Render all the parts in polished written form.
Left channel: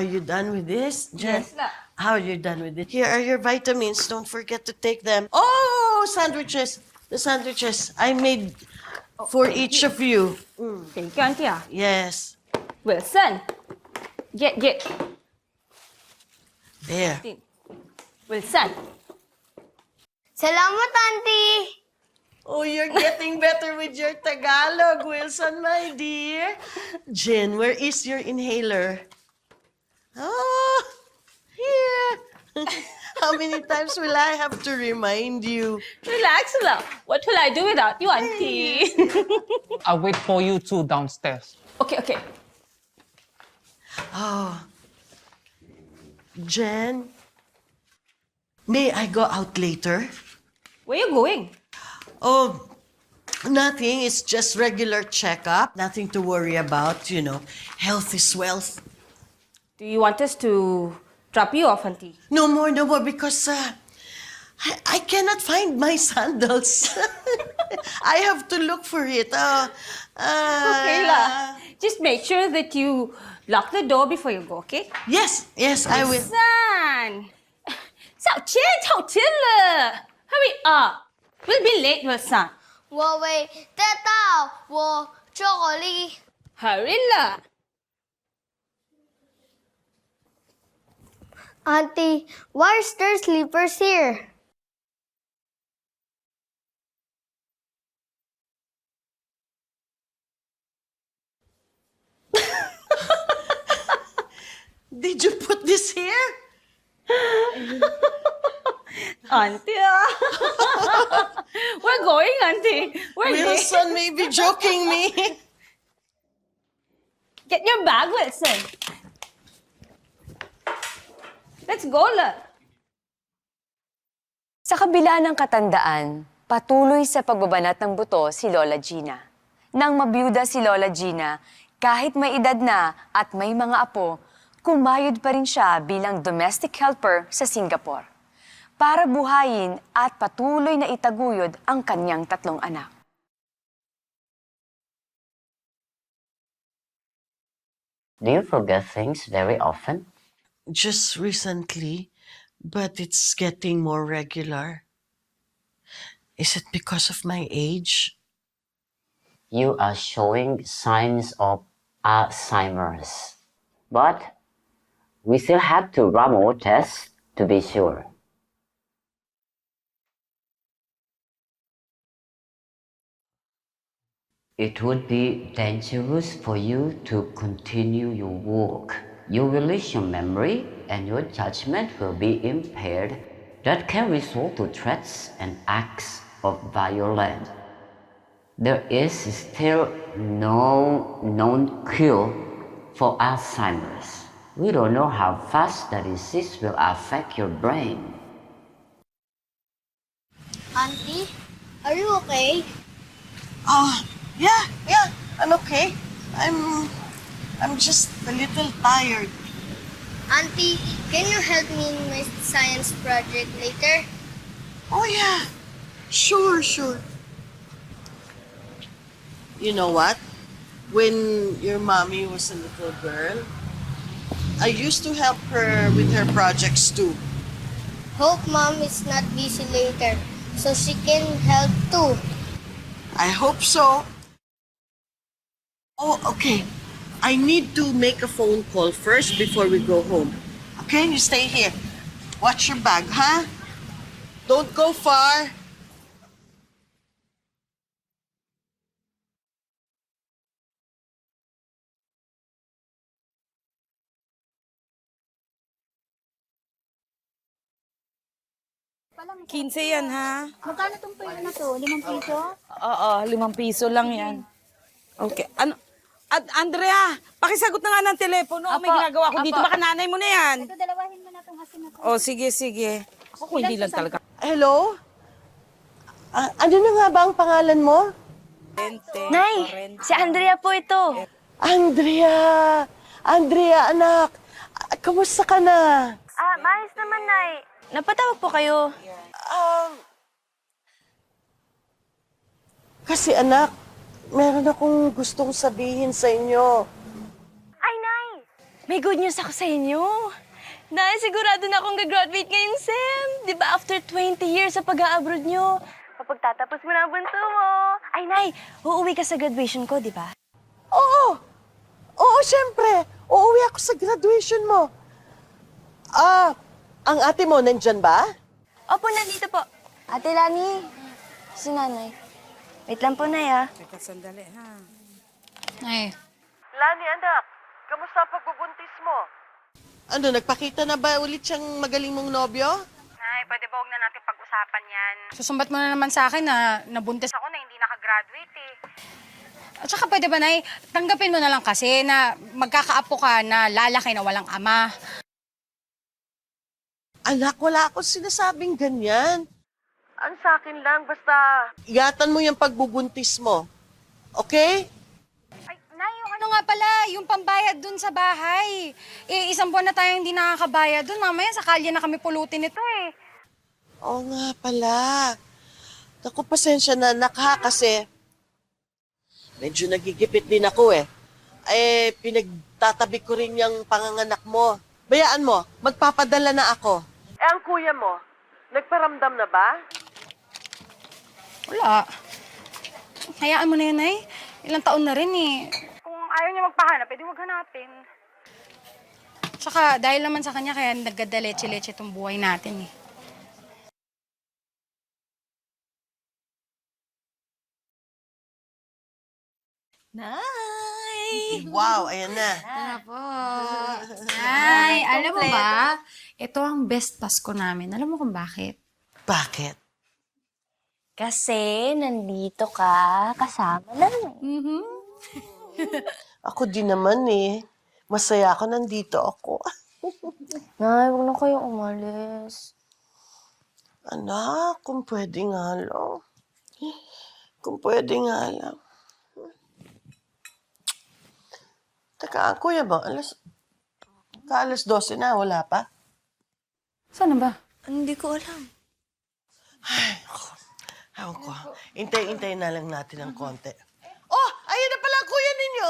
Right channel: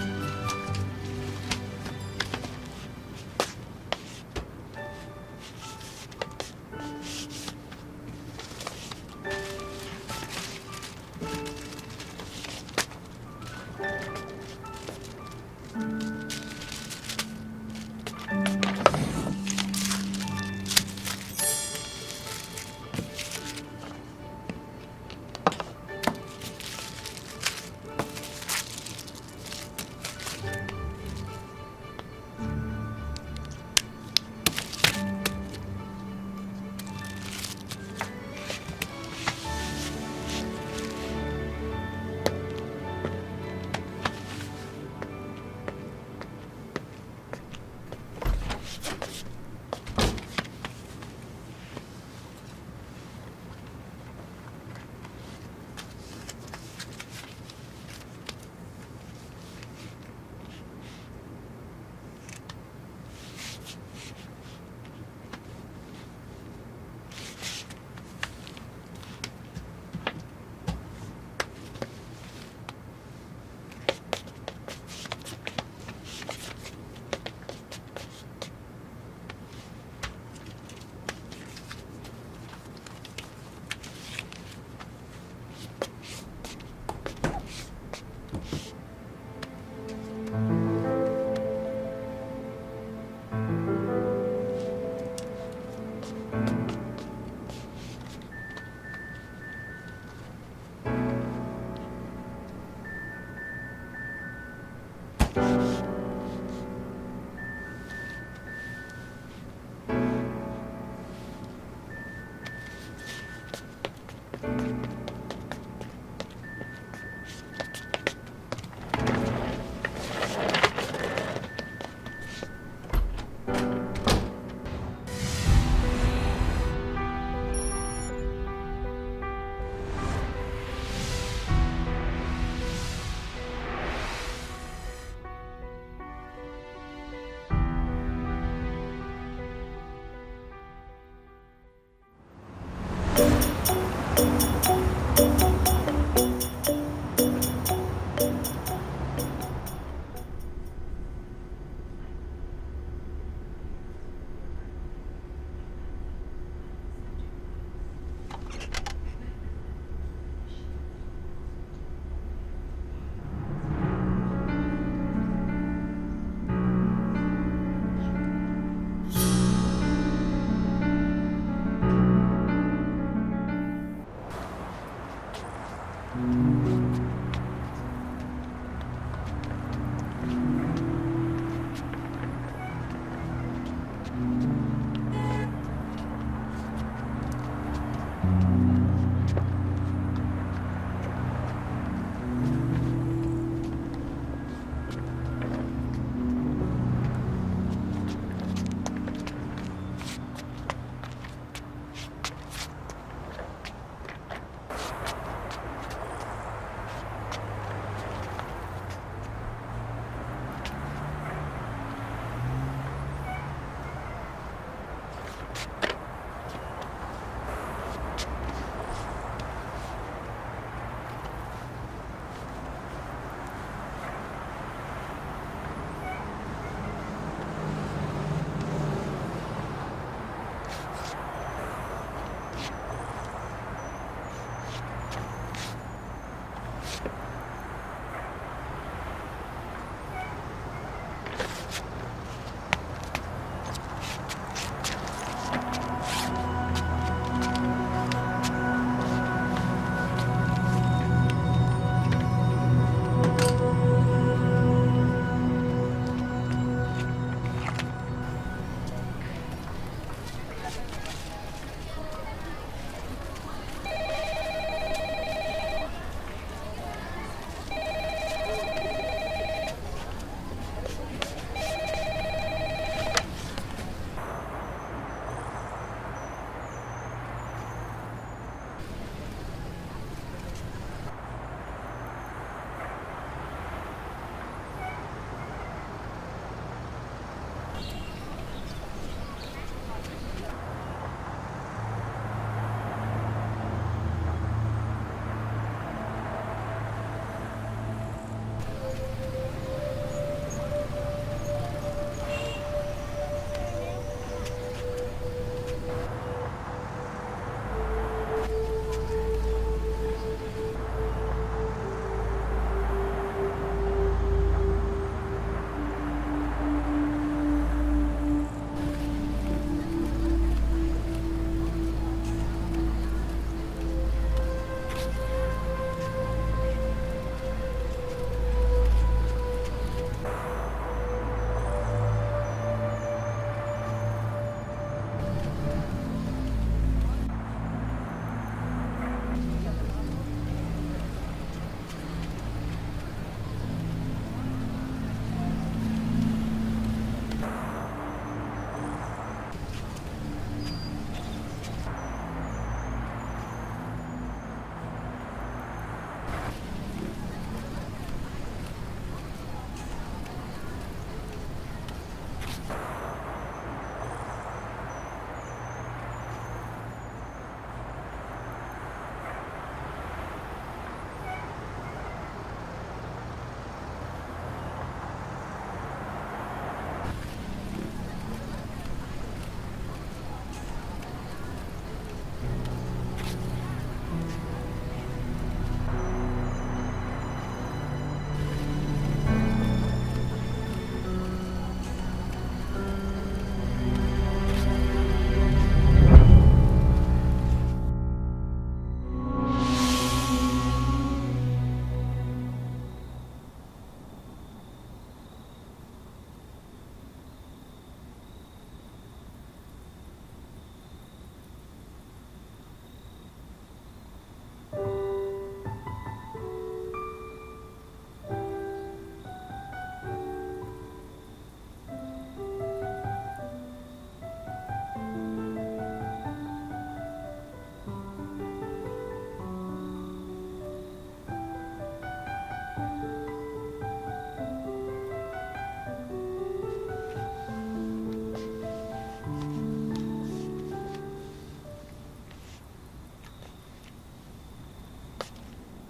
Are you done with this, Jen? Yes. How are you done with it? Here are your vitamins. Don't forget to take them. Oh, sandwiches. The sandwiches I made for each of you. Thank you, Auntie. Yes. Wilson. Get. There. Wilson. Salamat, Auntie! Oh, you're getting better with your Tagalog, Wilson, my dear. Jen, where is your inhaler? Oh, here. How many times will I have to remind you? Relax lang. What will I do without you, Auntie? I'll wait for you two downstairs. Okay. Oh. Jen, may I go out later? Where are you going? Oh, nothing. It's just regular checkup. Nothing to worry about, you know. Health is wealth. Do you want us to drop you off, Auntie? No more, because I cannot find my sandals. I have to look for it. Okay lah. Just make sure that you lock the door before you go, okay? Yes, I will. Wilson! 小天了 Hurry up! We'll be late, Wilson. 我为得到我巧克力。 Hurry lah. Auntie, why is there sleepers here? Did you put this here? Auntie, We're going, Auntie. We're late. Wilson may be joking me. Get your bag, Wilson. Let's go, lah. Sa kabila ng katandaan, patuloy sa pagbabanat ng buto si Lola Gina. Nang mabiyuda si Lola Gina, kahit may edad na at may mga apo, kumayod pa rin siya bilang domestic helper sa Singapore para buhayin at patuloy na itaguyod ang kanyang 3 anak. Do you forget things very often? Just recently, but it's getting more regular. Is it because of my age? You are showing signs of Alzheimer's. But we still have to run more tests to be sure. It would be dangerous for you to continue your work. You will lose your memory and your judgment will be impaired. That can result to threats and acts of violence. There is still no known cure for Alzheimer's. We don't know how fast the disease will affect your brain. Auntie, are you okay? Yeah, I'm okay. I'm just a little tired. Auntie, can you help me in my science project later? Oh, yeah. Sure. You know what? When your mommy was a little girl, I used to help her with her projects too. Hope Mom is not busy later, so she can help too. I hope so. Oh, okay. I need to make a phone call first before we go home. Okay, you stay here. Watch your bag, huh? Don't go far. Yan, ha? Magkano itong pwede na to? 5 piso? Oo, 5 piso lang yan. Okay. Ano? At Andrea, pakisagot na nga ng telepono. May ginagawa ko dito. Baka nanay mo na yan. O, sige. Ako, hindi lang talaga. Hello? Ano na nga ba ang pangalan mo? Nay, si Andrea po ito. Andrea, anak. Kamusta ka na? Maayos naman, Nay. Napatawag po kayo. Kasi anak, meron akong gustong sabihin sa inyo. Ay, Nay. May good news ako sa inyo. Nay, sigurado na akong gagraduate ngayong SEM. Di ba after 20 years sa pag-a-abroad nyo? Pagtatapos mo na ang bunso mo. Ay, Nay, uuwi ka sa graduation ko, di ba? Oo! Oo, syempre! Uuwi ako sa graduation mo. Ang ate mo nandyan ba? Opo, nandito po. Ate Lani, si Nanay. Wait lang po, Nay, ah. Nay, Lani, anak. Kamusta ang pagbubuntis mo? Ano, nagpakita na ba ulit siyang magaling mong nobyo? Nay, pwede ba huwag na natin pag-usapan yan? susumbat mo na naman sa akin na nabuntis Ako na hindi nakagraduate eh. At saka pwede ba, Nay, tanggapin mo na lang kasi na magkakaapo ka na lalaki na walang ama. Anak, wala akong sinasabing ganyan. Ang sa akin lang, basta... Ingatan mo yung pagbubuntis mo. Okay? Ano nga pala, yung pambayad dun sa bahay. Eh, isang buwan na tayo hindi nakakabayad dun. Mamaya sa kalye na kami pulutin ito eh. Oo nga pala. Naku, pasensya na, anak ha, kasi... Medyo nagigipit din ako eh. Pinagtatabi ko rin yung panganganak mo. Bayaan mo, magpapadala na ako. Ang kuya mo, nagparamdam na ba? Wala. Hayaan mo na yun, Nay. Ilang taon na rin eh. Kung ayaw niya magpahanap, pwede huwag na natin. Tsaka dahil naman sa kanya kaya nagkadaleche-leche itong buhay natin eh. Wow, ayan na. Ay, alam mo ba? Ito ang best Pasko namin. Alam mo kung bakit? Bakit? Kasi nandito ka kasama namin. Ako din naman eh. Masaya ako nandito ako. Nay, huwag na kayong umalis. Anak, kung pwede nga lang. Kung pwede nga lang. Teka, ang kuya ba? Alas 12 na, wala pa? Sana ba? Hindi ko alam. Ewan ko. Intay-intay na lang natin ng konti. Oh, ayun na pala ang kuya ninyo.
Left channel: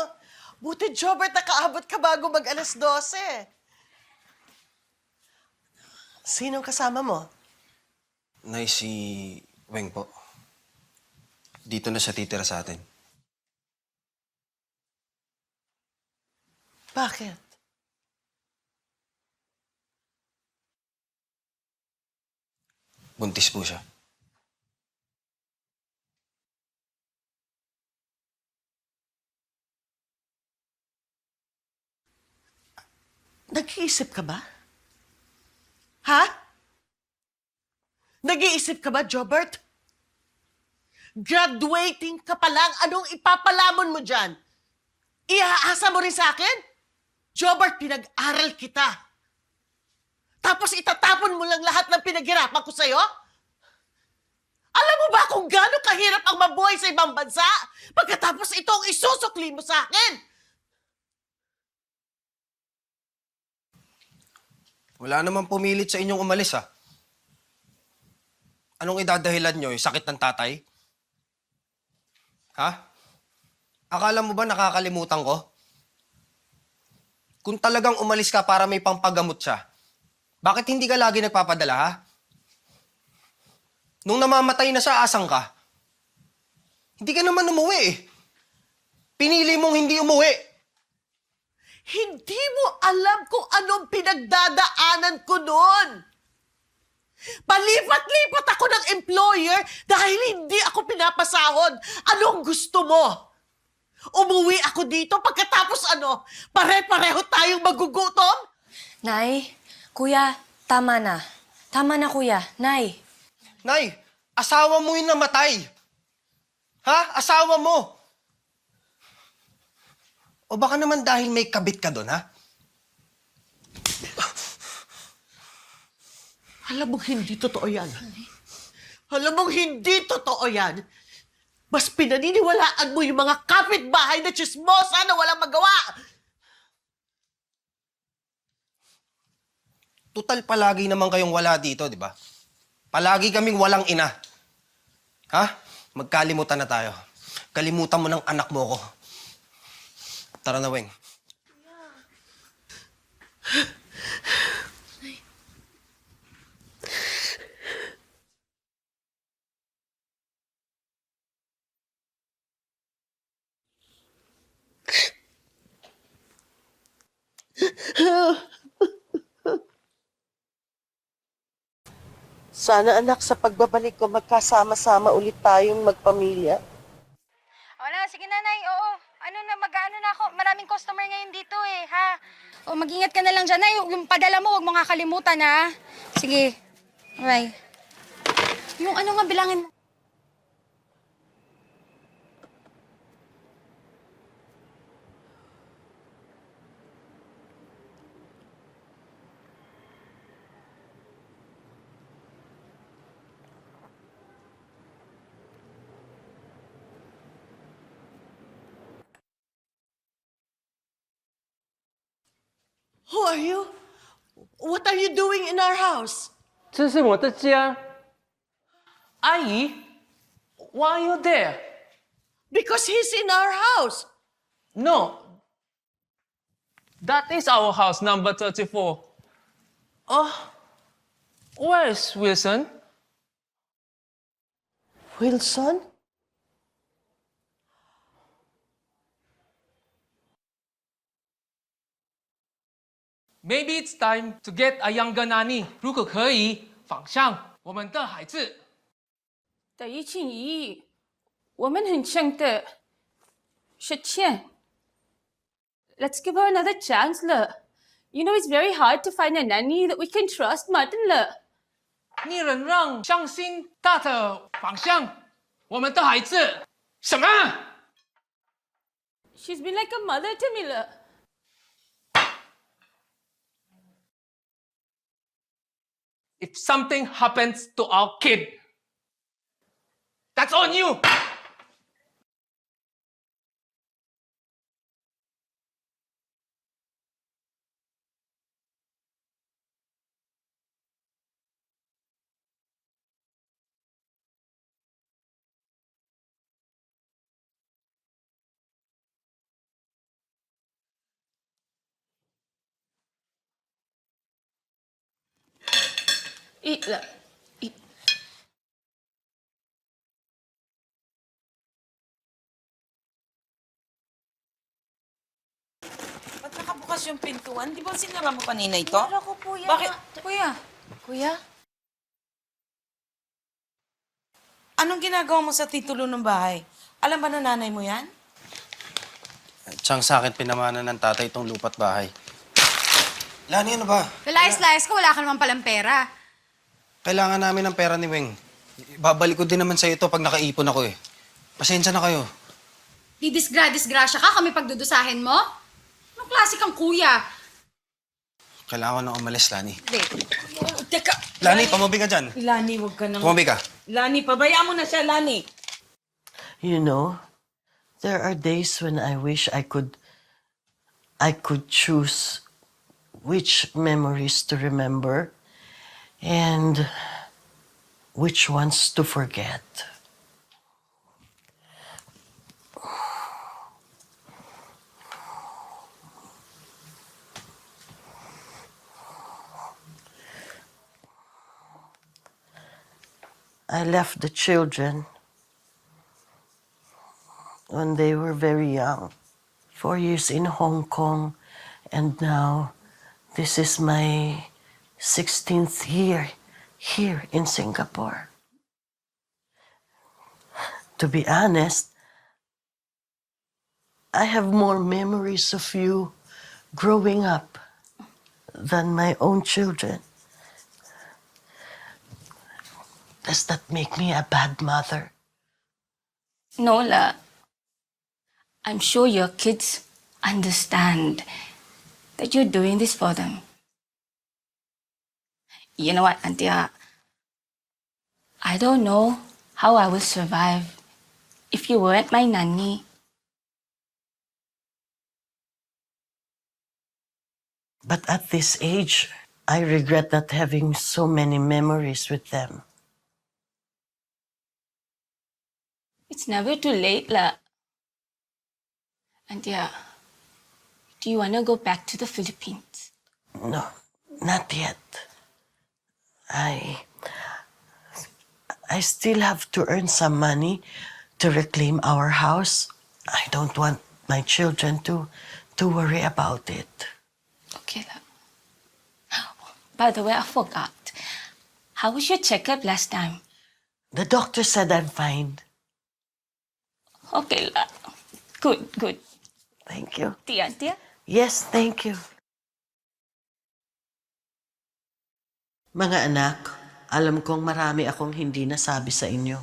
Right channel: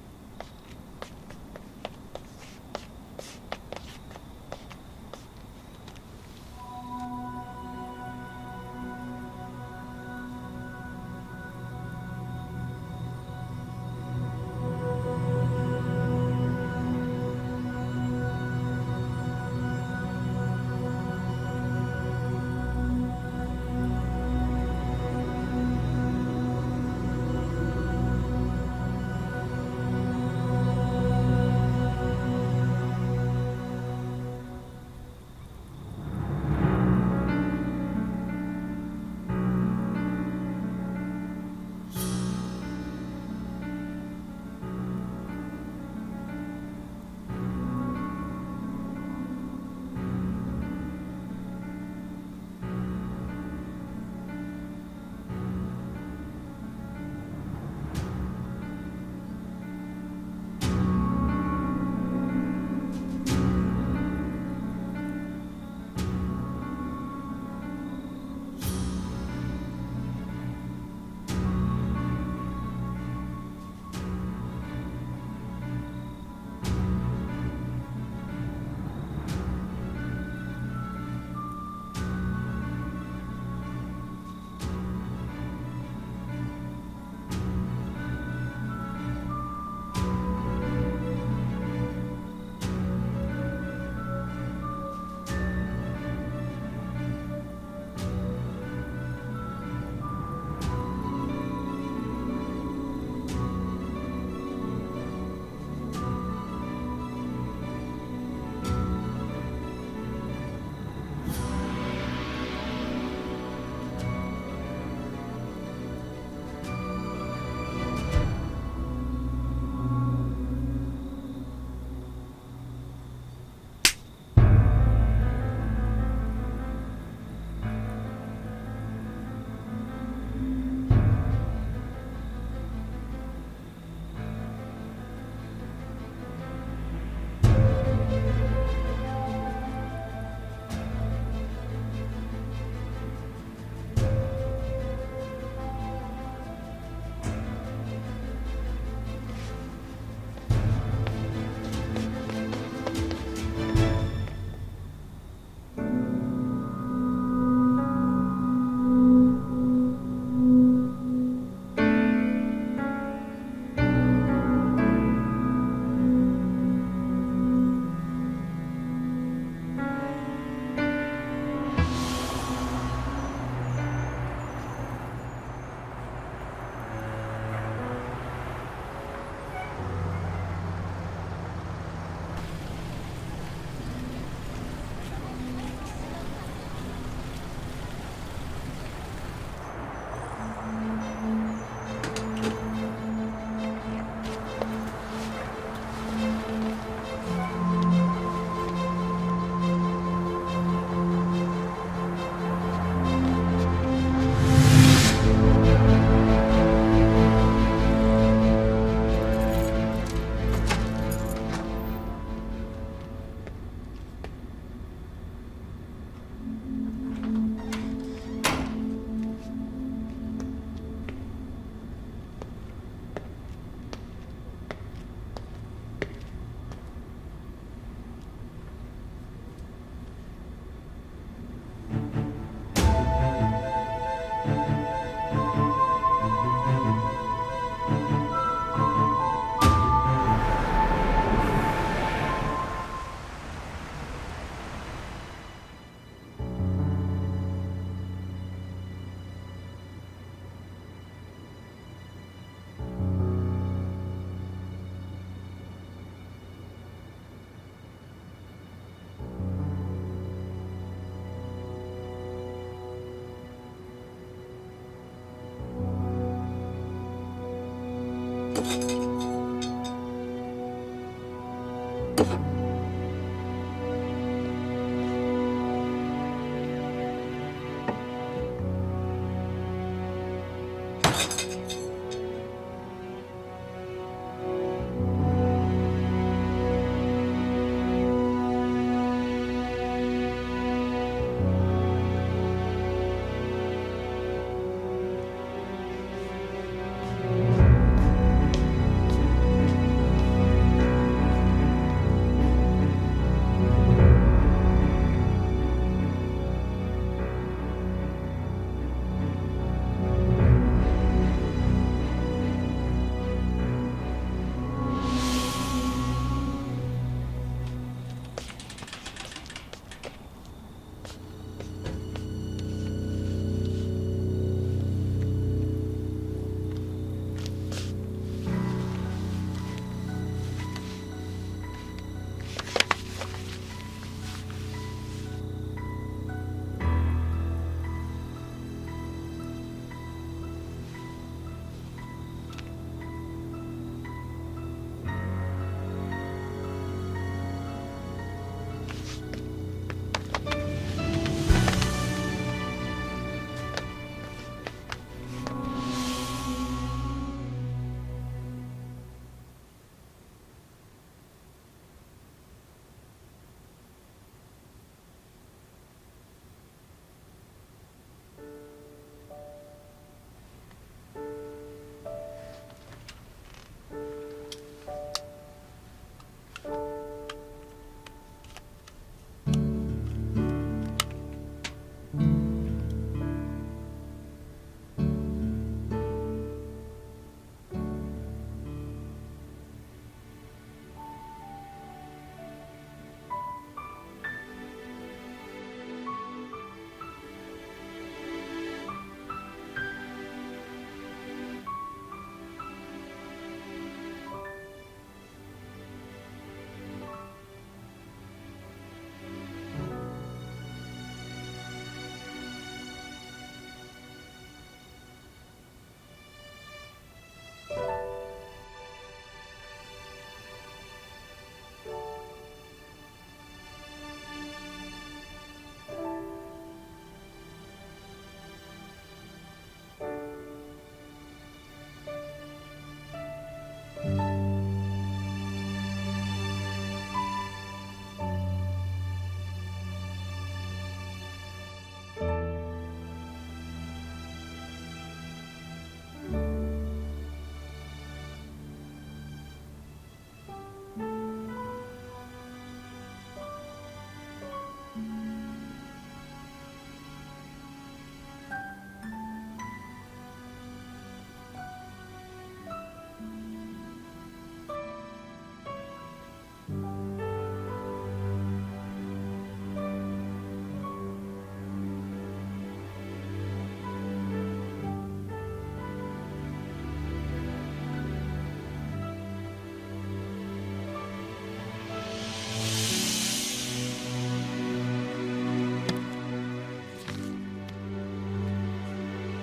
Buti, Jobert, nakaabot ka bago mag-alas 12. Sinong kasama mo? Nay, si Weng po. Dito na siya titira sa atin. Bakit? Buntis po siya. Nag-iisip ka ba? Ha? Nag-iisip ka ba, Jobert? Graduating ka pa lang, anong ipapalamon mo dyan? Iaasa mo rin sa akin? Jobert, pinag-aral kita. Tapos itatapon mo lang lahat ng pinaghirapan ko sa'yo? Alam mo ba kung gaano kahirap ang mabuhay sa ibang bansa? Pagkatapos ito ang isusukli mo sa akin? Wala namang pumilit sa inyong umalis, ha? Anong idadahilan nyo? Yung sakit ng tatay? Ha? Akala mo ba nakakalimutan ko? Kung talagang umalis ka para may pampagamot siya, bakit hindi ka lagi nagpapadala, ha? Nung namamatay na siya, asang ka? Hindi ka naman umuwi, eh. Pinili mong hindi umuwi. Hindi mo alam kung anong pinagdadaanan ko noon. Palipat-lipat ako ng employer dahil hindi ako pinapasahod. Anong gusto mo? Umuwi ako dito pagkatapos ano, pare-pareho tayong magugutom? Nay, kuya, tama na. Tama na, kuya. Nay. Nay, asawa mo yung namatay. Ha? Asawa mo. O baka naman dahil may kabit ka doon, ha? Alam mong hindi totoo yan. Alam mong hindi totoo yan. Mas pinaniniwalaan mo yung mga kapitbahay na chismosa na walang magawa. Tutal palagi naman kayong wala dito, di ba? Palagi kaming walang ina. Ha? Magkalimutan na tayo. Kalimutan mo ng anak mo ko. Tara na, Weng. Sana anak, sa pagbabalik ko, magkasama-sama ulit tayong magpamilya. Wala, sige nanay, oo. Ano na, magkaano na ako. Maraming customer ngayon dito eh, ha? O, mag-ingat ka na lang dyan, nay. Yung padala mo, huwag mo kakalimutan, ha? Sige. Bye. Yung ano nga, bilangin. Who are you? What are you doing in our house? 这是我的家。阿姨，Why are you there? Because he's in our house. No. That is our house, number 34. Oh, where is Wilson? Wilson? Maybe it's time to get a younger nanny. 如果可以，仿效我们的孩子。等于庆怡，我们很像的，是倩。Let's give her another chance, 了。You know it's very hard to find a nanny that we can trust, Martin 了。你能让相信他的仿效我们的孩子？什么？ She's been like a mother to me, 了。If something happens to our kid, that's on you. Eat 了。Ba't nakabukas yung pintuan? Di ba sinara mo kanina ito? Ako, kuya. Bakit? Kuya. Kuya? Anong ginagawa mo sa titulo ng bahay? Alam ba na nanay mo yan? Siyang sa akin pinamana ng tatay itong lupa't bahay. Lani, ano ba? Kalayas-layas ko, wala ka naman palang pera. Kailangan namin ng pera ni Weng. Babalik ko din naman sa ito pag nakaipon ako eh. Pasensya na kayo. Didisgrasya ka, kami pagdudusahin mo? Anong klase kang kuya? Kailangan ko nang umalis, Lani. Teka! Lani, pamabi ka dyan. Lani, huwag ka nang... Pumabi ka. Lani, pabayaan mo na siya, Lani. You know, there are days when I wish I could choose which memories to remember and which ones to forget. I left the children when they were very young. 4 years in Hong Kong, and now this is my 16th year here in Singapore. To be honest, I have more memories of you growing up than my own children. Does that make me a bad mother? No, 了。I'm sure your kids understand that you're doing this for them. You know what, Antia? I don't know how I will survive if you weren't my nanny. But at this age, I regret not having so many memories with them. It's never too late, 了。Antia, do you want to go back to the Philippines? No, not yet. I still have to earn some money to reclaim our house. I don't want my children to worry about it. Okay, 了。By the way, I forgot. How was your checkup last time? The doctor said I'm fine. Okay lang. Good, good. Thank you. Tia? Yes, thank you. Mga anak, alam kong marami akong hindi nasabi sa inyo.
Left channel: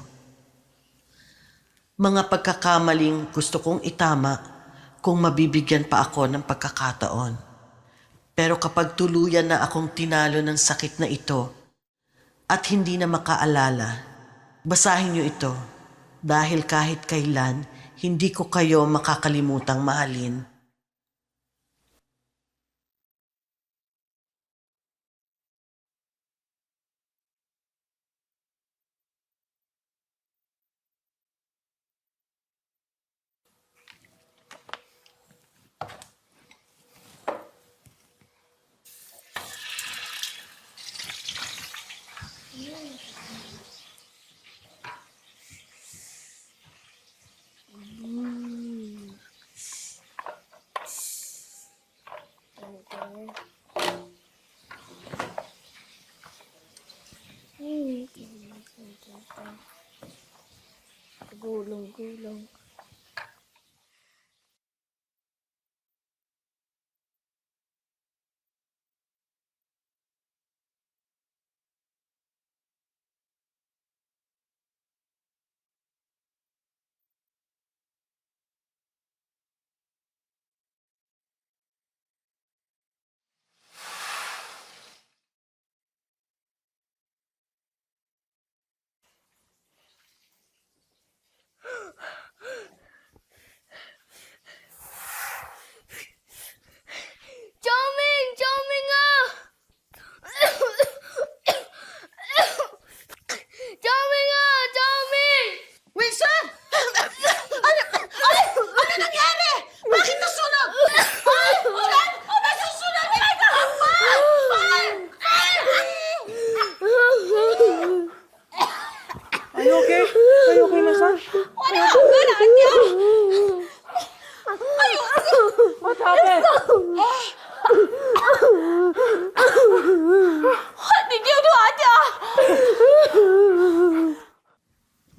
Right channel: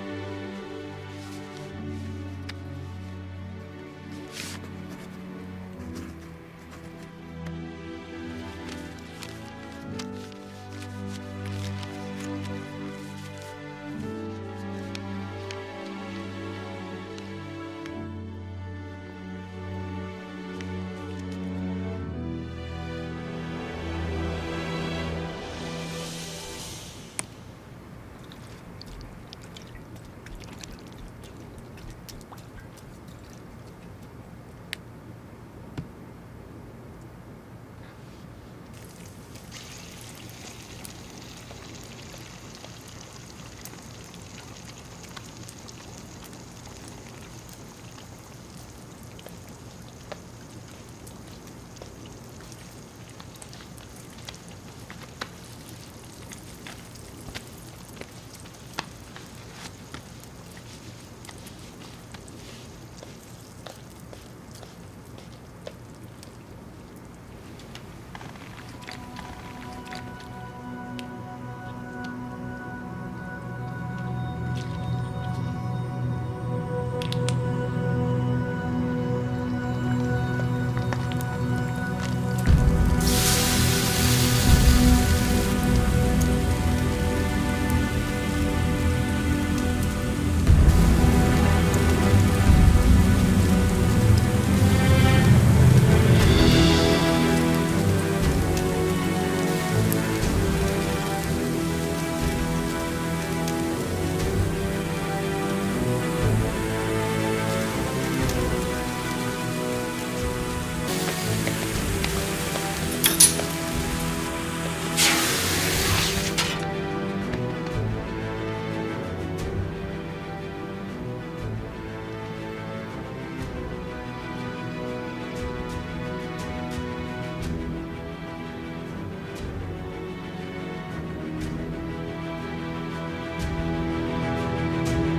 Mga pagkakamaling gusto kong itama kung mabibigyan pa ako ng pagkakataon. Pero kapag tuluyan na akong tinalo ng sakit na ito at hindi na makaalala, basahin niyo ito dahil kahit kailan, hindi ko kayo makakalimutang mahalin.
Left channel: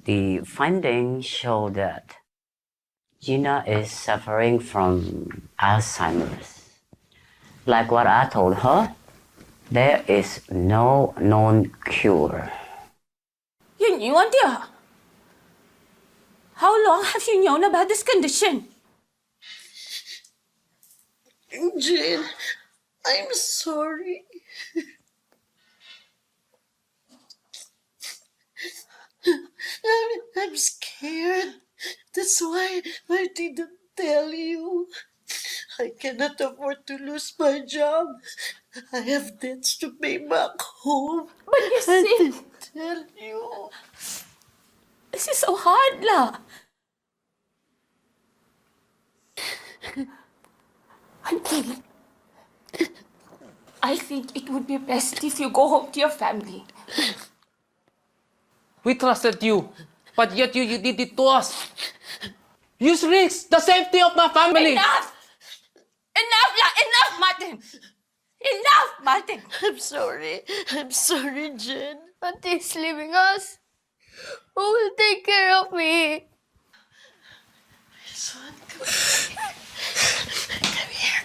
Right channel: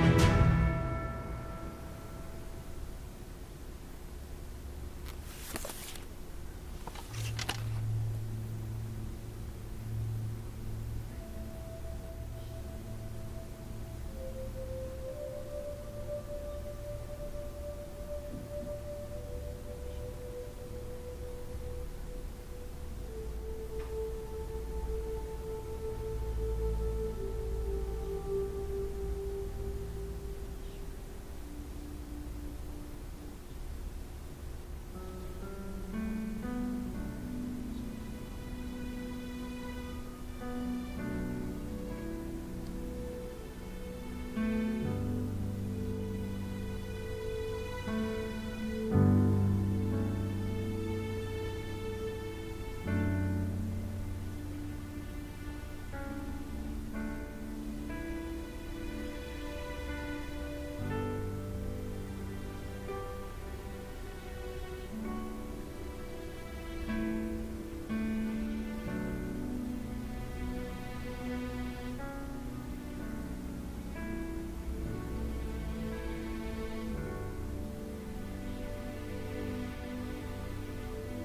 The findings show that Gina is suffering from Alzheimer's. Like what I told her, there is no known cure. Yun yun, Tia. How long have you known about this condition? Jane, I'm sorry. I'm scared. That's why I didn't tell you. I cannot afford to lose my job. I have debts to pay back home. But you I see, didn't tell you. this is so hard, La. Auntie, I think it would be best if you go home to your family. We trusted you, but yet you did it to us. You risked the safety of my family. Enough! Enough, La! Enough, Martin! Enough, Martin! I'm sorry. I'm sorry, Jen. Auntie's leaving us. Who will take care of me? Come here.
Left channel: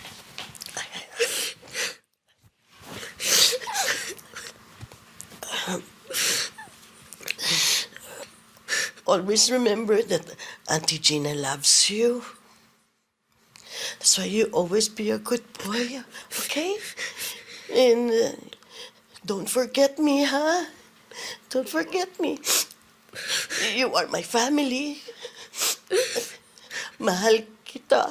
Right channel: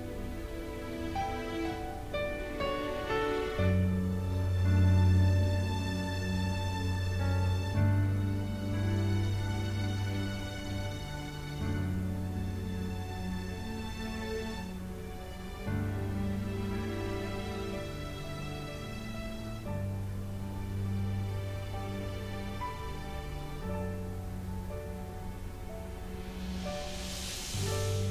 Always remember that Auntie Gina loves you. That's why you always be a good boy, okay? And don't forget me, huh? Don't forget me. You are my family. Mahal kita.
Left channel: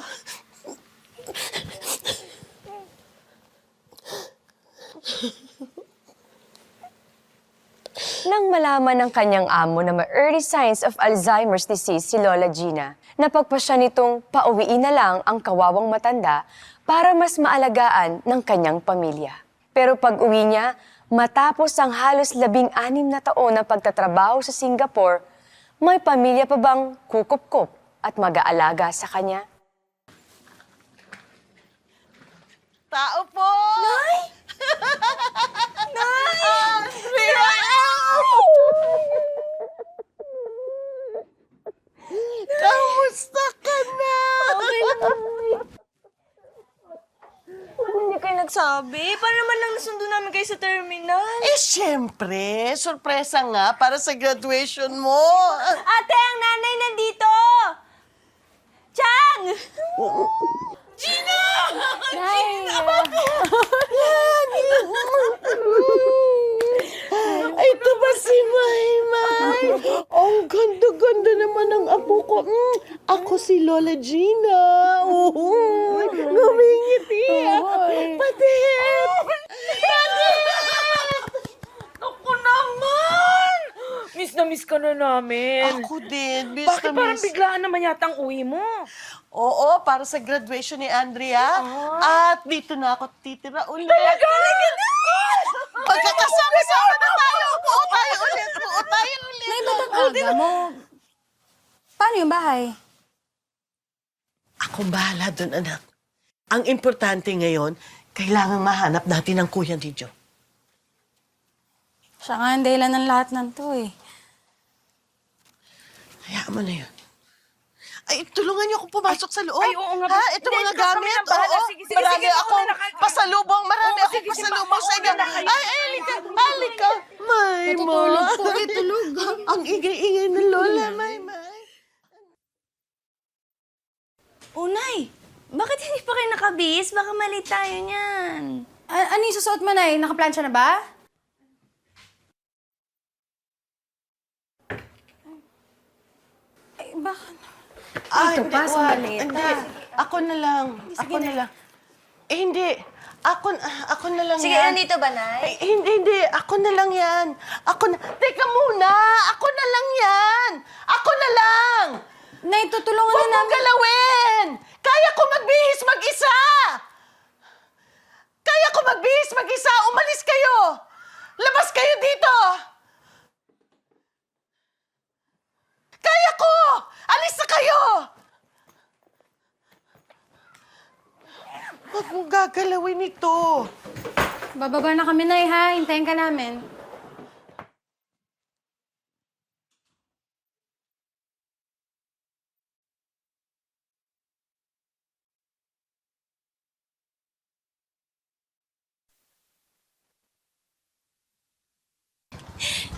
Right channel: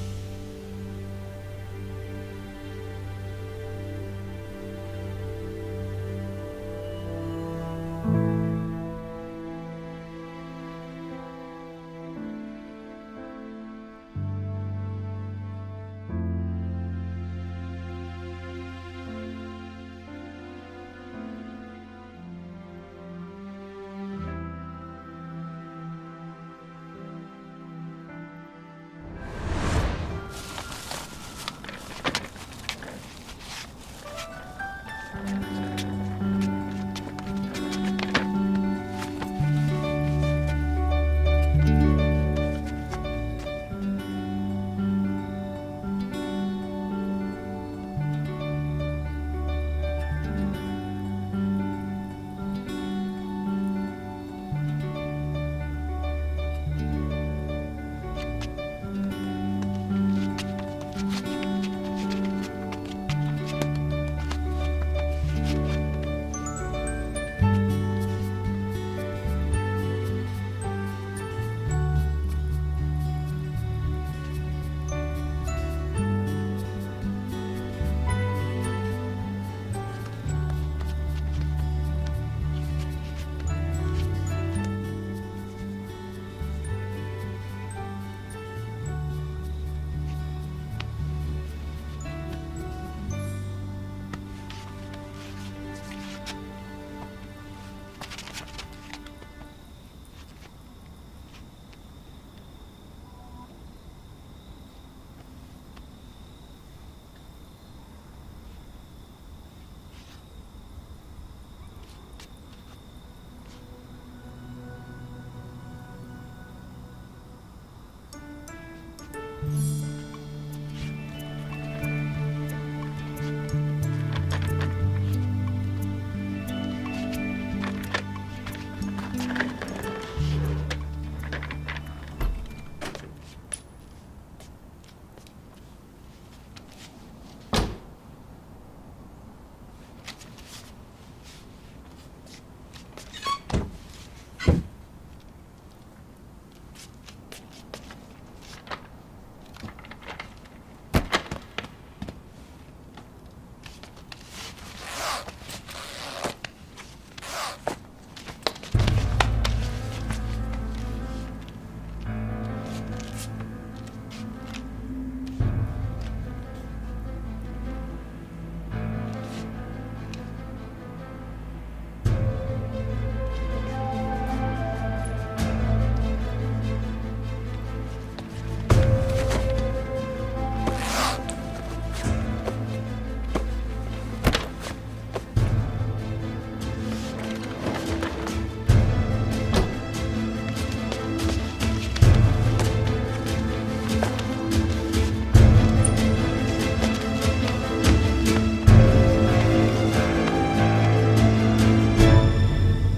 Nang malaman ng kanyang amo na may early signs of Alzheimer's disease si Lola Gina, napagpasya nitong pauwiin na lang ang kawawang matanda para mas maalagaan ng kanyang pamilya. Pero pag-uwi niya, matapos ang halos 16 na taon na pagtatrabaho sa Singapore, may pamilya pa bang kukup-kup at mag-aalaga sa kanya? Tao po! Nay! Nay! Nay! Hindi kayo nagsabi. Paano naman nang nasundo namin kayo sa terminal? Eh, syempre, sorpresa nga para sa graduation mo. Ate, ang nanay nandito! Chang! Gina! Gina! Yan! Ay, ito ba si Maymay? Ang ganda-ganda naman ng apo ko. Ako si Lola Gina. Ngumingiti. Patingin! Ako naman! Miss na miss ka na namin. Ako din. Miss Bakit na parang miss. biglaan naman yata ang uwi mo? Oo, para sa graduation ni Andrea. At dito na ako titira ulit. Talaga na! Magkakasama-sama na tayo. Buo tayo ulit. Nay, ba't ang aga mo? Paano yung bahay? Ako bahala doon, anak. Ang importante ngayon, kailangan mahanap natin ang kuya ni Joe. Siya nga ang dahilan ng lahat ng to eh. Hayaan mo na yun. Ay, tulungan niyo ako pumasok sa loob. Ay, oo nga. Ha? Ito Hindi, mga kami gamit. na bahala. Oo. Sige, sige, Marami sige, ako mauna na kayo. pasalubong. Marami ako sige, pasalubong sa inyo. mauna na kayo. Ay, halika. Halika. May mo. Tulog. Ang ingay-ingay ng lola, May. Unay, bakit hindi pa kayo nakabihis? Baka mali tayo niyan. Ano yung susuot mo, Nay? Nakaplansya na ba? Ay, bakit? Ito pa, sa maleta. Hindi. Ako na lang. Ako na lang. Eh, hindi. Ako na lang Sige, yan. nandito ba, Nay? Eh, hindi. Ako na lang yan. Ako na... Teka muna! Ako na lang yan! Ako na lang! Nay, tutulungan Huwag na mong namin. galawin! Kaya ko magbihis mag-isa! Kaya ko magbihis mag-isa! Umalis kayo! Labas kayo dito! Kaya ko! Alis na kayo! Huwag mong gagalawin ito. Bababa na kami, Nay, ha? Hintayin ka namin.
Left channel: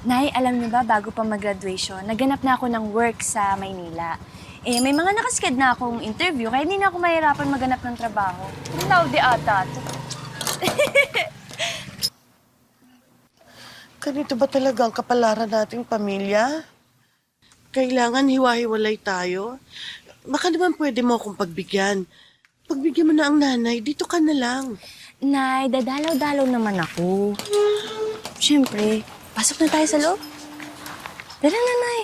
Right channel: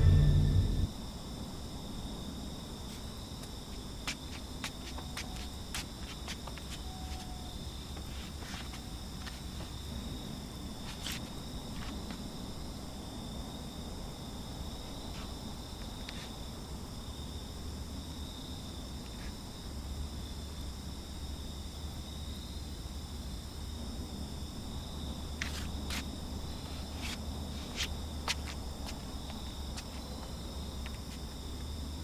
Nay, alam niyo ba, bago pa mag-graduation, naganap na ako ng work sa Maynila. Eh, may mga nakasked na akong interview, kaya hindi na ako mahirapan maganap ng trabaho. Laude ata. Ganito ba talaga ang kapalaran nating pamilya? Kailangan hiwa-hiwalay tayo? Baka naman pwede mo akong pagbigyan. Pagbigyan mo na ang nanay, dito ka na lang. Nay, dadalaw-dalaw naman ako. Siyempre, pasok na tayo sa loob. Tara na, Nay.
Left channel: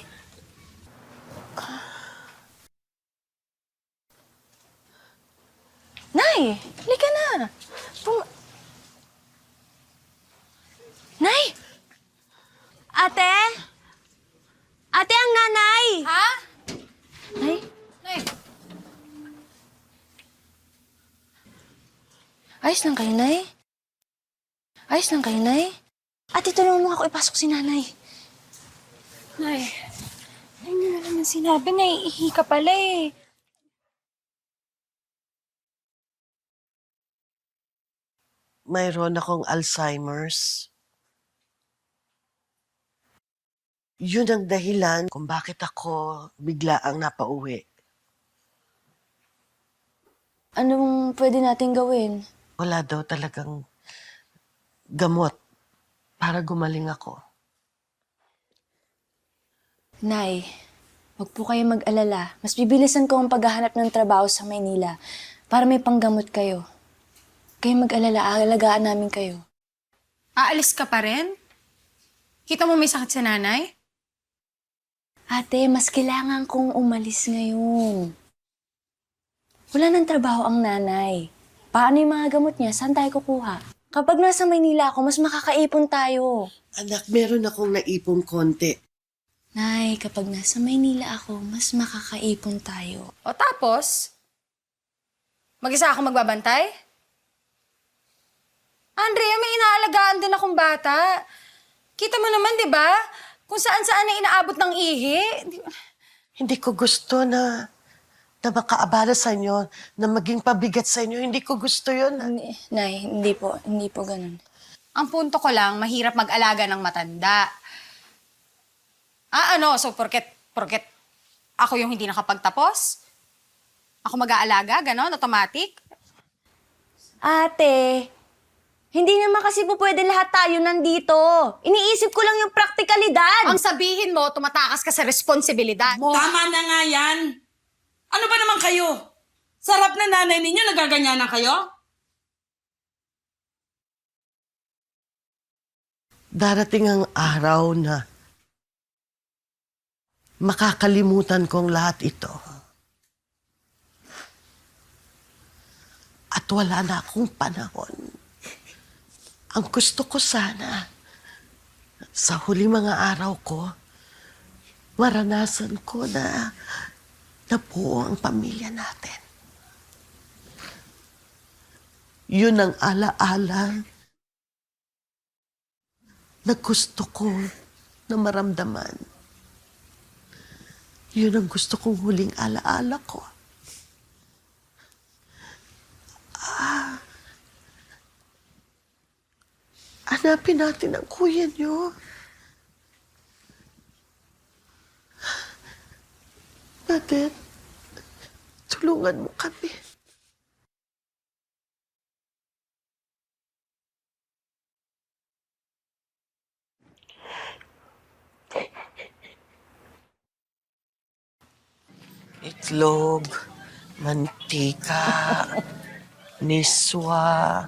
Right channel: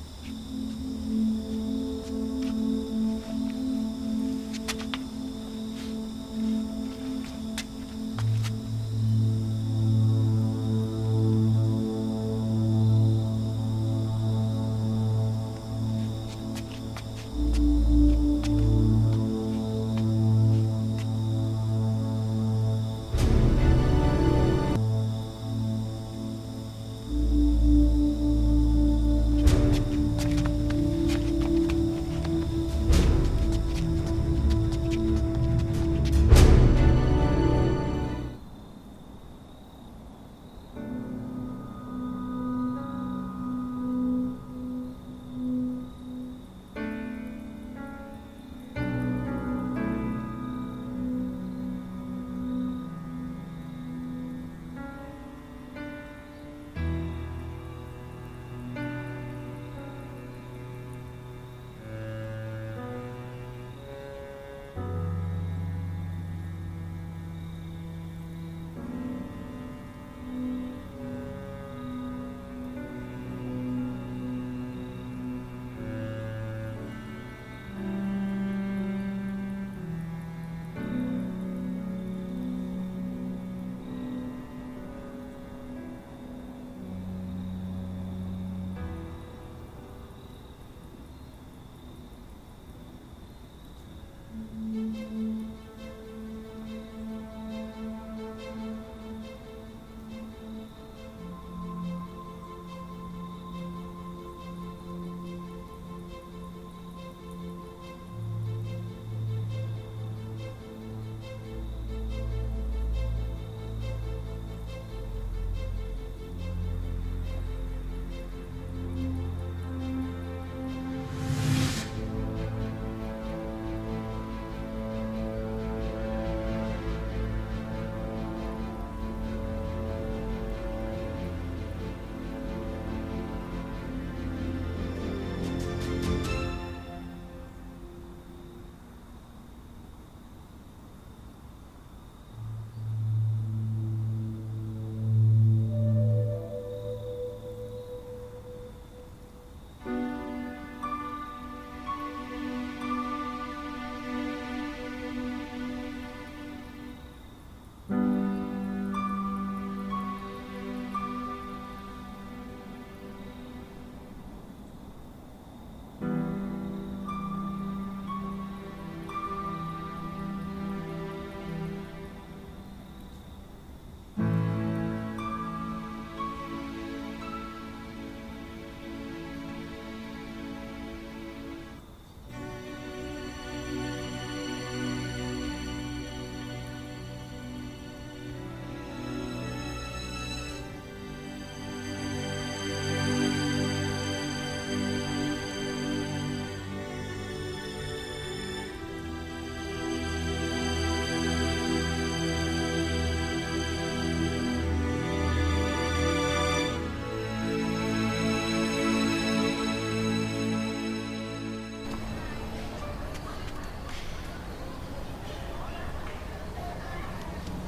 Nay, halika na. Nay! Ate? Ate, ang nanay! Ha? Nay? Nay, Ayos lang kayo, Nay? Ayos lang kayo, Nay? Ate, tulungan mo ako ipasok si nanay. Nay. Ano na naman sinabi? Naiihi ka pala eh. Mayroon akong Alzheimer's. Yun ang dahilan kung bakit ako bigla ang napauwi. Anong pwede nating gawin? Wala daw talagang gamot para gumaling ako. Nay, huwag po kayo mag-alala. Mas bibilisan ko ang paghahanap ng trabaho sa Maynila para may panggamot kayo. Kayo mag-alala, aalagaan namin kayo. Aalis ka pa rin? Kita mo may sakit sa nanay? Ate, mas kailangan kong umalis ngayon. Wala nang trabaho ang nanay. Paano yung mga gamot niya? Saan tayo kukuha? Kapag nasa Maynila ako, mas makakaipon tayo. Anak, meron akong naipong konti. Nay, kapag nasa Maynila ako, mas makakaipon tayo. O tapos? Mag-isa ako magbabantay? Andrea, may inaalagaan din akong bata. Kita mo naman, di ba? Kung saan-saan na inaabot ng ihi. Hindi ko gusto na na makaabala sa inyo, na maging pabigat sa inyo. Hindi ko gusto yun. Nay, hindi po ganun. Ang punto ko lang, mahirap mag-alaga ng matanda. So porket ako yung hindi nakapagtapos? Ako mag-aalaga, ganon, automatic? Ate, hindi naman kasi po pwede lahat tayo nandito. Iniisip ko lang yung praktikalidad. Ang sabihin mo, tumatakas ka sa responsibilidad. Tama na nga yan. Ano ba naman kayo? Sarap na nanay ninyo, nagaganyanan kayo? Darating ang araw na makakalimutan ko ang lahat ito. At wala na akong panahon. Ang gusto ko sana, sa huli mga araw ko, maranasan ko na nabuo ang pamilya natin. Yun ang alaala na gusto ko na maramdaman. Yun ang gusto kong huling alaala ko. Hanapin natin ang kuya niyo. Natin, tulungan mo kami. Itlog, mantika, niswa,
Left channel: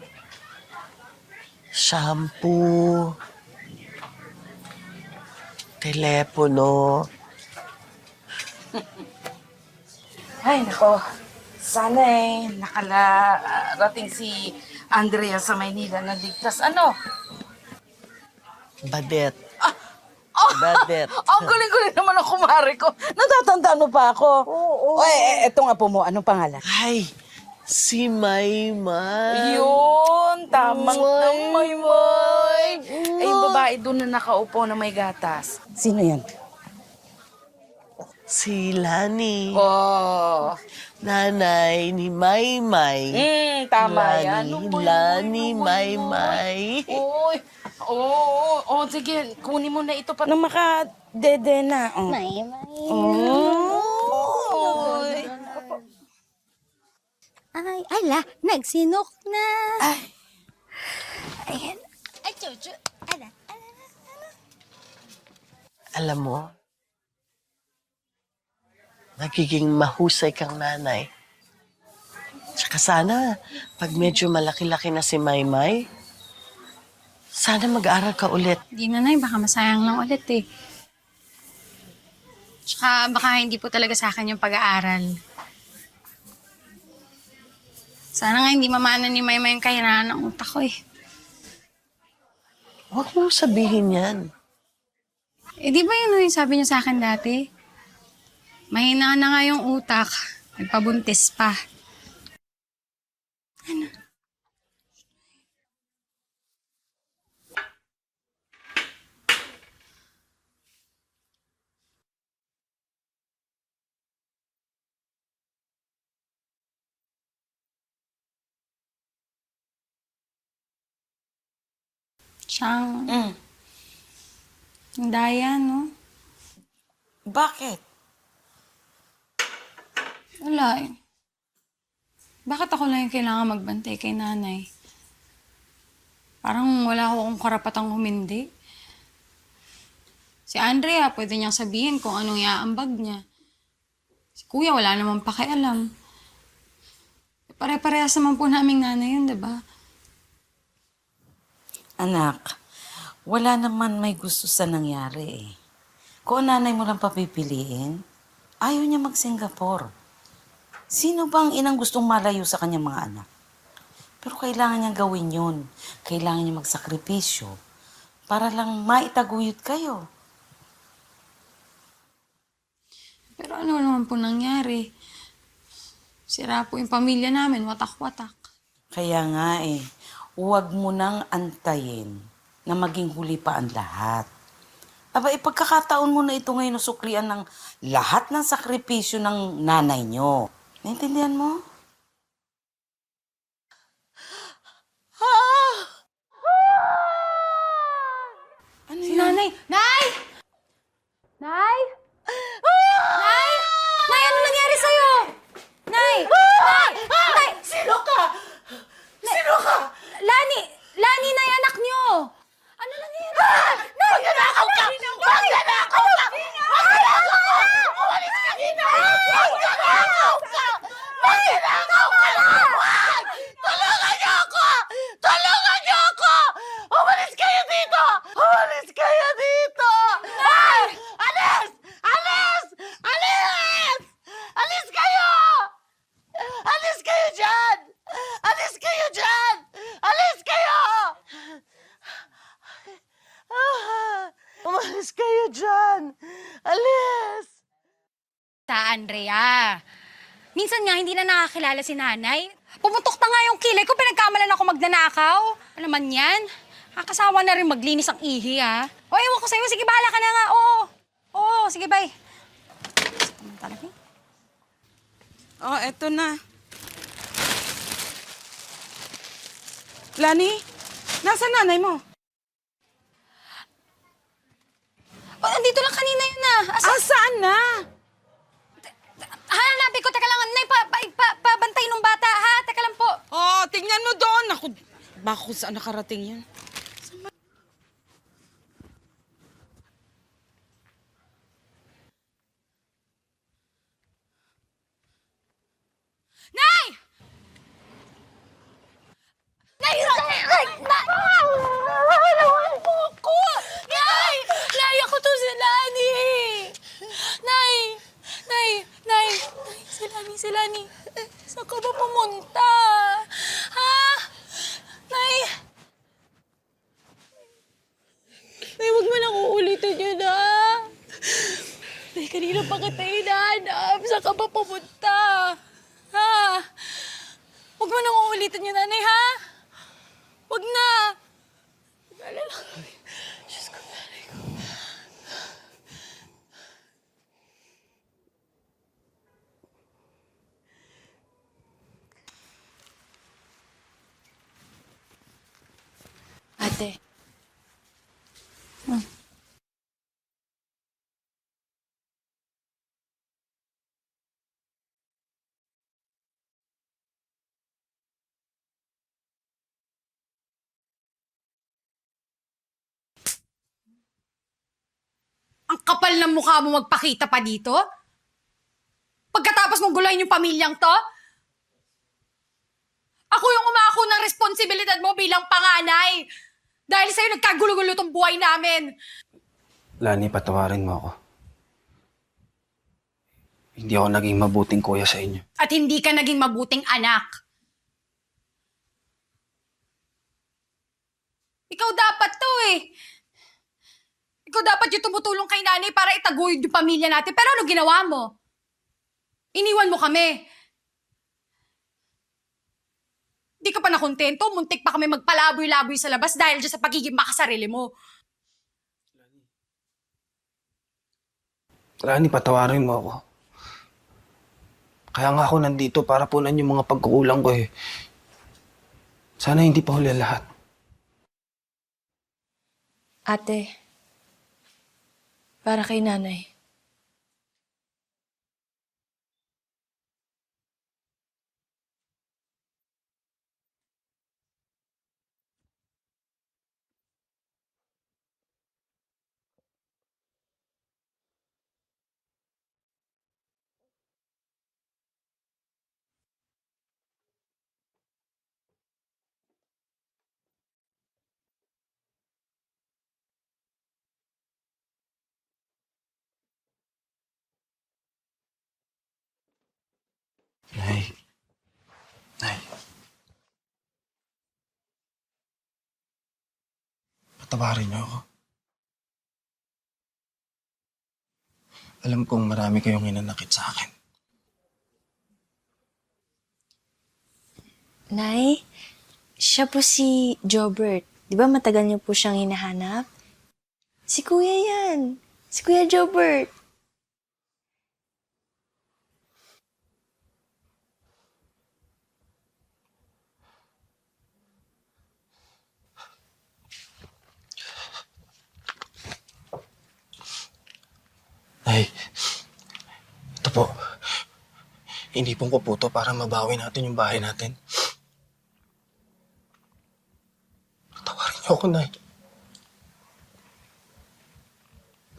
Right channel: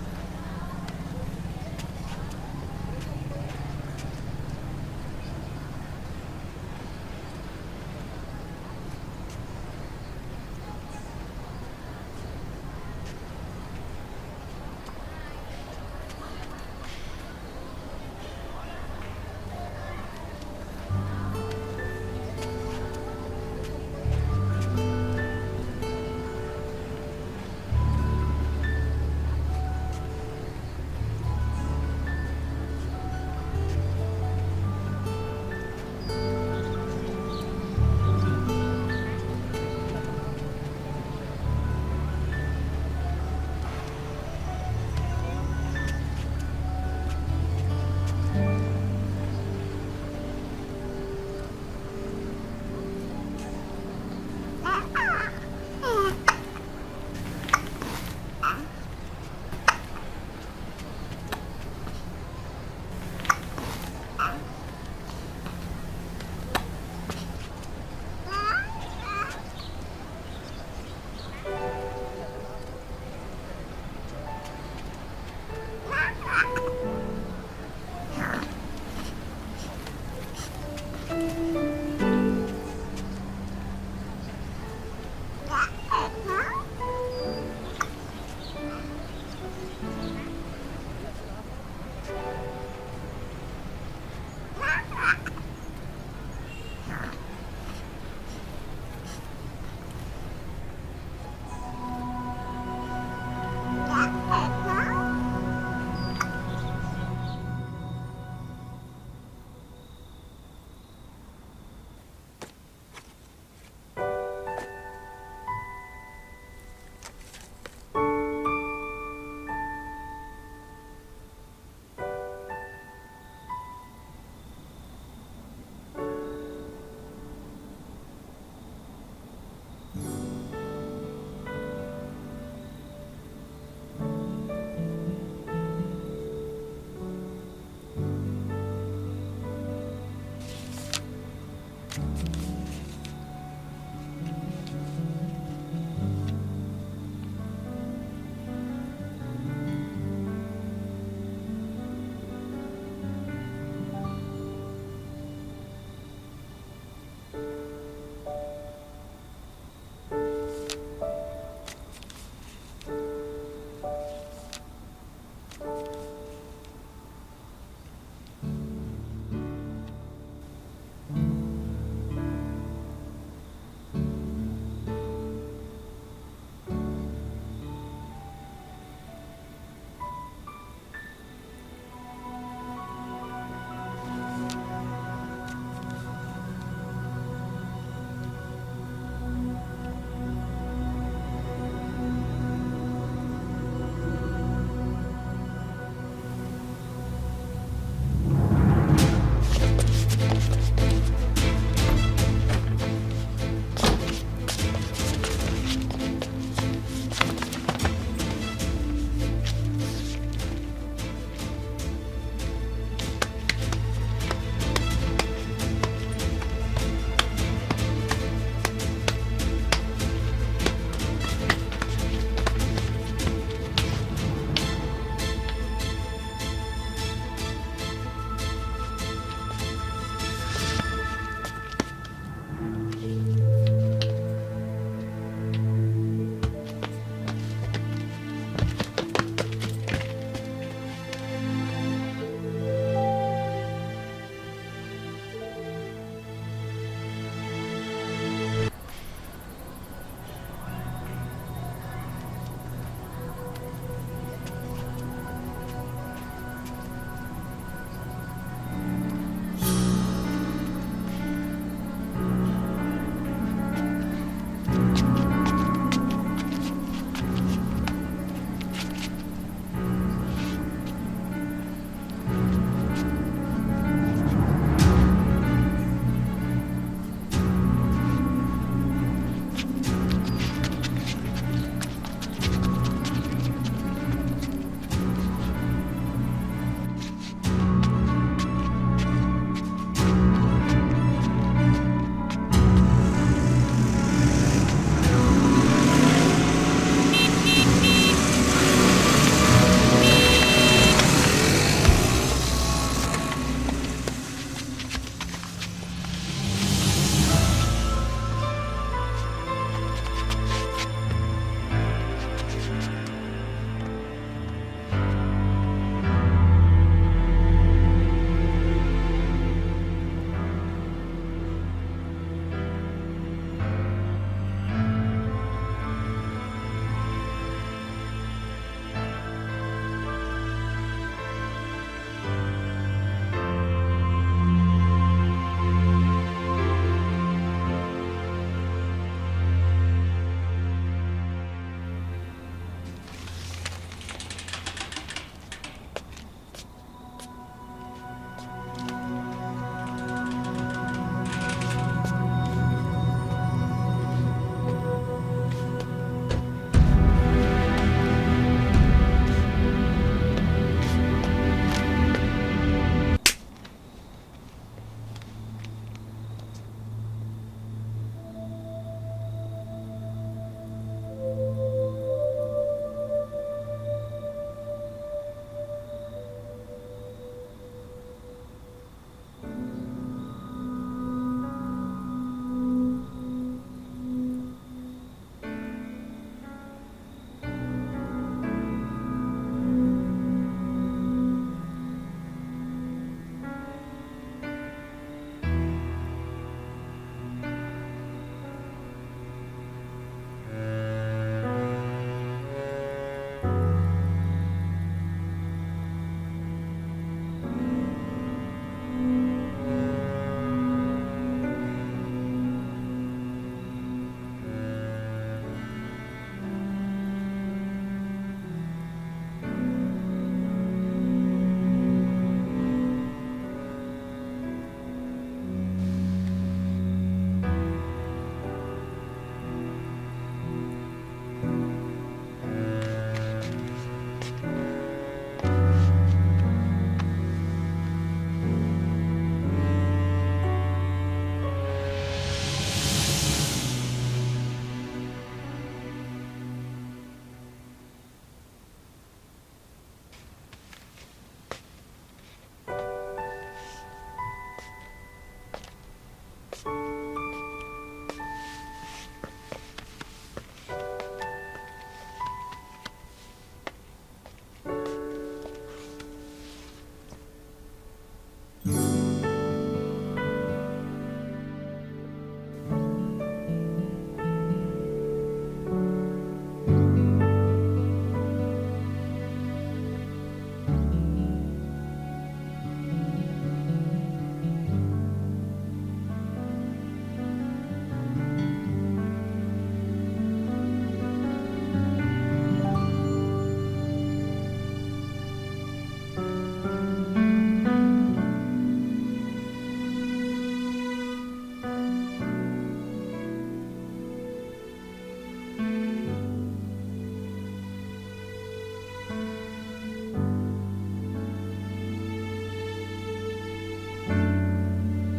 shampoo, telepono. Ay, nako. Sana nakarating si Andrea sa Maynila na ligtas. Ano? Badet. Badet. Ang galing-galing naman ang kumari ko. Natatandaan mo pa ako. Oo. Oy, eto nga po mo. Anong pangalan? Ay, si Maymay. Yun, tamang Maymay. Ay, yung babae doon na nakaupo na may gatas. Sino yan? Si Lani. Oh. Nanay ni Maymay. Tama Lani, yan. Lani, Maymay. Uy. Oo, sige. Kunin mo na ito para makadede na. Hala, nagsinok na. Ayan. Alam mo, nagiging mahusay kang nanay. Tsaka sana, pag medyo malaki-laki na si Maymay, sana mag-aaral ka ulit. Di na, Nay, baka masayang lang ulit eh. Tsaka baka hindi po talaga sa akin yung pag-aaral. Sana nga hindi mamana ni Maymay yung kahiraan ng utak ko eh. Huwag mo sabihin yan. Eh, di ba yun yung sabi niyo sa akin dati? Mahina na nga yung utak. Nagpabuntis pa. Siyang... Ang daya, no? Bakit? Wala eh. Bakit ako lang yung kailangan magbantay kay nanay? Parang wala akong karapatang humindi. Si Andrea, pwede niyang sabihin kung anong iaambag niya. Si Kuya, wala namang pakialam. Pare-parehas naman po naming nanay yun, diba? Anak, wala naman may gusto sa nangyari eh. Kung nanay mo lang papipiliin, ayaw niya mag-Singapore. Sino bang inang gustong malayo sa kanyang mga anak? Pero kailangan niyang gawin yun. Kailangan niya magsakripisyo para lang maitaguyod kayo. Pero ano naman po nangyari? Sira po yung pamilya namin, watak-watak. Kaya nga eh, huwag mo nang antayin na maging huli pa ang lahat. Aba, ipagkakataon mo na ito ngayon na suklian ng lahat ng sakripisyo ng nanay nyo. Naintindihan mo? Nanay! Nay! Nay! Nay! Nay, ano nangyari sa'yo? Nay! Nay! Nay! Sino ka? Sino ka? Lani! Lani, Nay, anak niyo! Ano nangyari? Nay! Magnanakaw ka! Magnanakaw ka! Magnanakaw ka! Umalis ka dito! Magnanakaw ka! Magnanakaw ka na! Tulungan niyo ako! Tulungan niyo ako! Umalis kayo dito! Umalis kayo dito! Nay! Alis! Alis! Alis! Alis kayo! Alis kayo dyan! Alis kayo dyan! Alis kayo! Umalis kayo dyan! Alis! Andrea, minsan nga hindi na nakakilala si nanay. Pumutok na nga yung kilay ko, pinagkamalan ako magnanakaw. Ano naman yan? Kakasawa na rin maglinis ang ihi, ha? O, ewan ko sa'yo. Sige, bahala ka na nga. Oo. Oo, sige, bye. Oh, eto na. Lani, nasa nanay mo? Andito lang kanina yun, na. Saan na? Hanapin ko. Teka lang, nanay. Pabantay nung bata, ha? Teka lang po. Oh, tingnan mo doon. Naku, bako saan nakarating yun? Nay, ako to si Lani. Nay. Si Lani. Saan ka ba pumunta? Ha? Nay. Nay, huwag mo nang uulitin yun, ha? Nay, kanina pa kita hinahanap. Saan ka ba pumunta? Ha? Huwag mo nang uulitin yun, nanay, ha? Huwag na. Diyos ko. Ate. Ang kapal ng mukha mo magpakita pa dito? Pagkatapos mong gulayin yung pamilyang to? Ako yung umako ng responsibilidad mo bilang panganay. Dahil sa'yo nagkagulo-gulo tong buhay namin. Lani, patawarin mo ako. Hindi ako naging mabuting kuya sa inyo. At hindi ka naging mabuting anak. Ikaw dapat to eh. Ikaw dapat yung tumutulong kay nanay para itaguyod yung pamilya natin. Pero ano ginawa mo? Iniwan mo kami. Hindi ka pa nakontento, muntik pa kami magpalaboy-laboy sa labas dahil dyan sa pagiging makasarili mo. Lani, patawarin mo ako. Kaya nga ako nandito para punan yung mga pagkukulang ko eh. Sana hindi pa huli lahat. Ate, para kay nanay. Nay. Nay. Patawarin niyo ako. Alam kong marami kayong hinanakit sa akin. Nay, siya po si Jobert. Di ba matagal niyo po siyang hinahanap? Si Kuya yan. Si Kuya Jobert. Inipon ko po to para mabawi natin yung bahay natin. Patawarin niyo ako, Nay.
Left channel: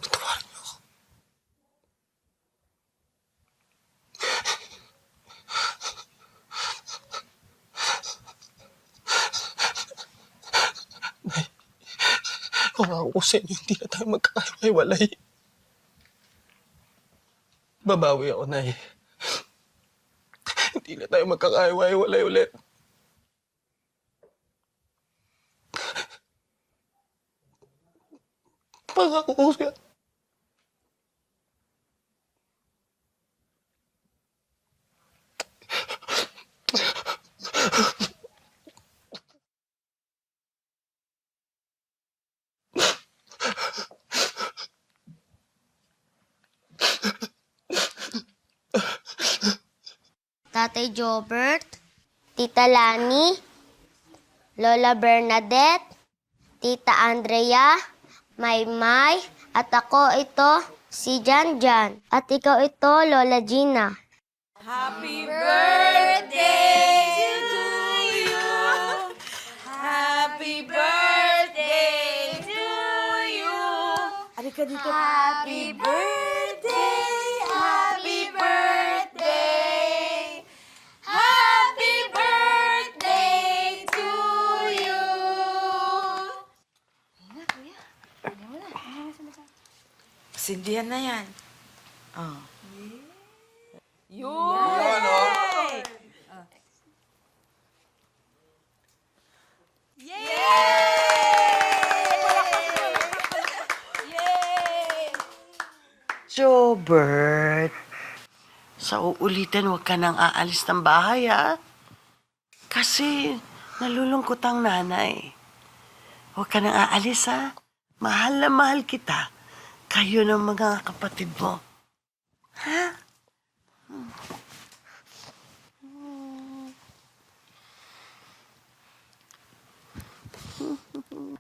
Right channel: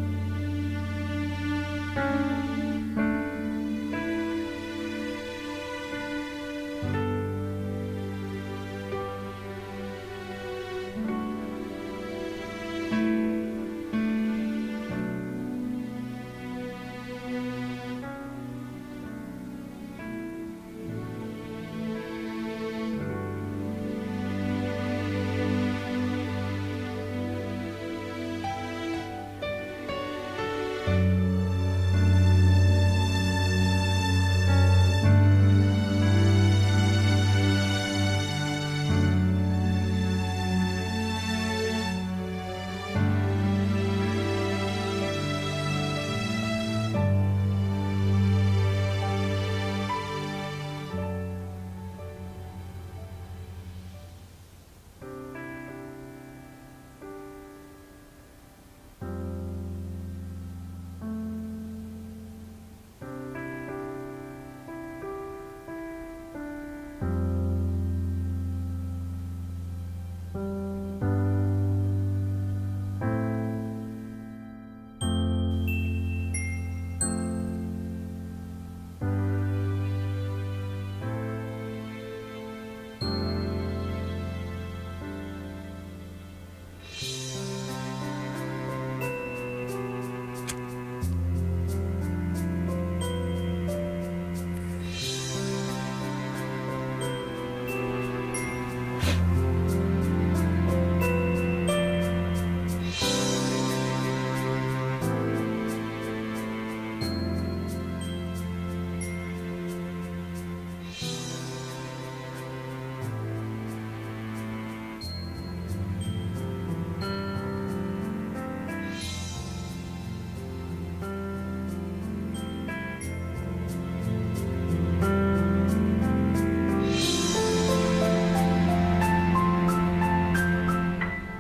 Patawarin niyo ako. Nay, pangako ko sa inyo, hindi na tayo magkakahiwalay. Babawi ako, Nay. Hindi na tayo magkakahiwalay ulit. Pangako ko siya. Tatay Jobert, Tita Lani, Lola Bernadette, Tita Andrea, Maymay, at ako ito, si Janjan. At ikaw ito, Lola Gina. Happy birthday to you. Happy birthday to you. Halika dito. Happy birthday, happy birthday. Happy birthday to you. Sindihan na yan. Oh. Jobert, sa uulitin huwag ka nang aalis ng bahay, ha? Kasi nalulungkot ang nanay. Huwag ka nang aalis, ha? Mahal na mahal kita. Kayo ng mga kapatid mo. Ha?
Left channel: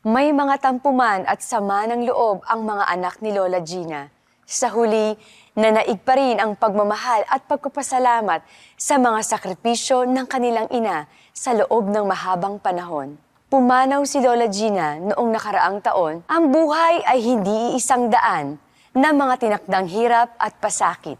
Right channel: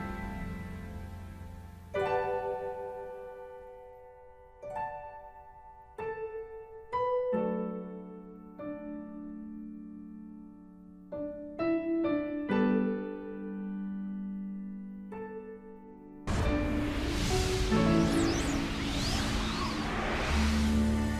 May mga tampuman at sama ng loob ang mga anak ni Lola Gina. Sa huli, nanaig pa rin ang pagmamahal at pagpapasalamat sa mga sakripisyo ng kanilang ina sa loob ng mahabang panahon. Pumanaw si Lola Gina noong nakaraang taon, ang buhay ay hindi iisang daan na mga tinakdang hirap at pasakit.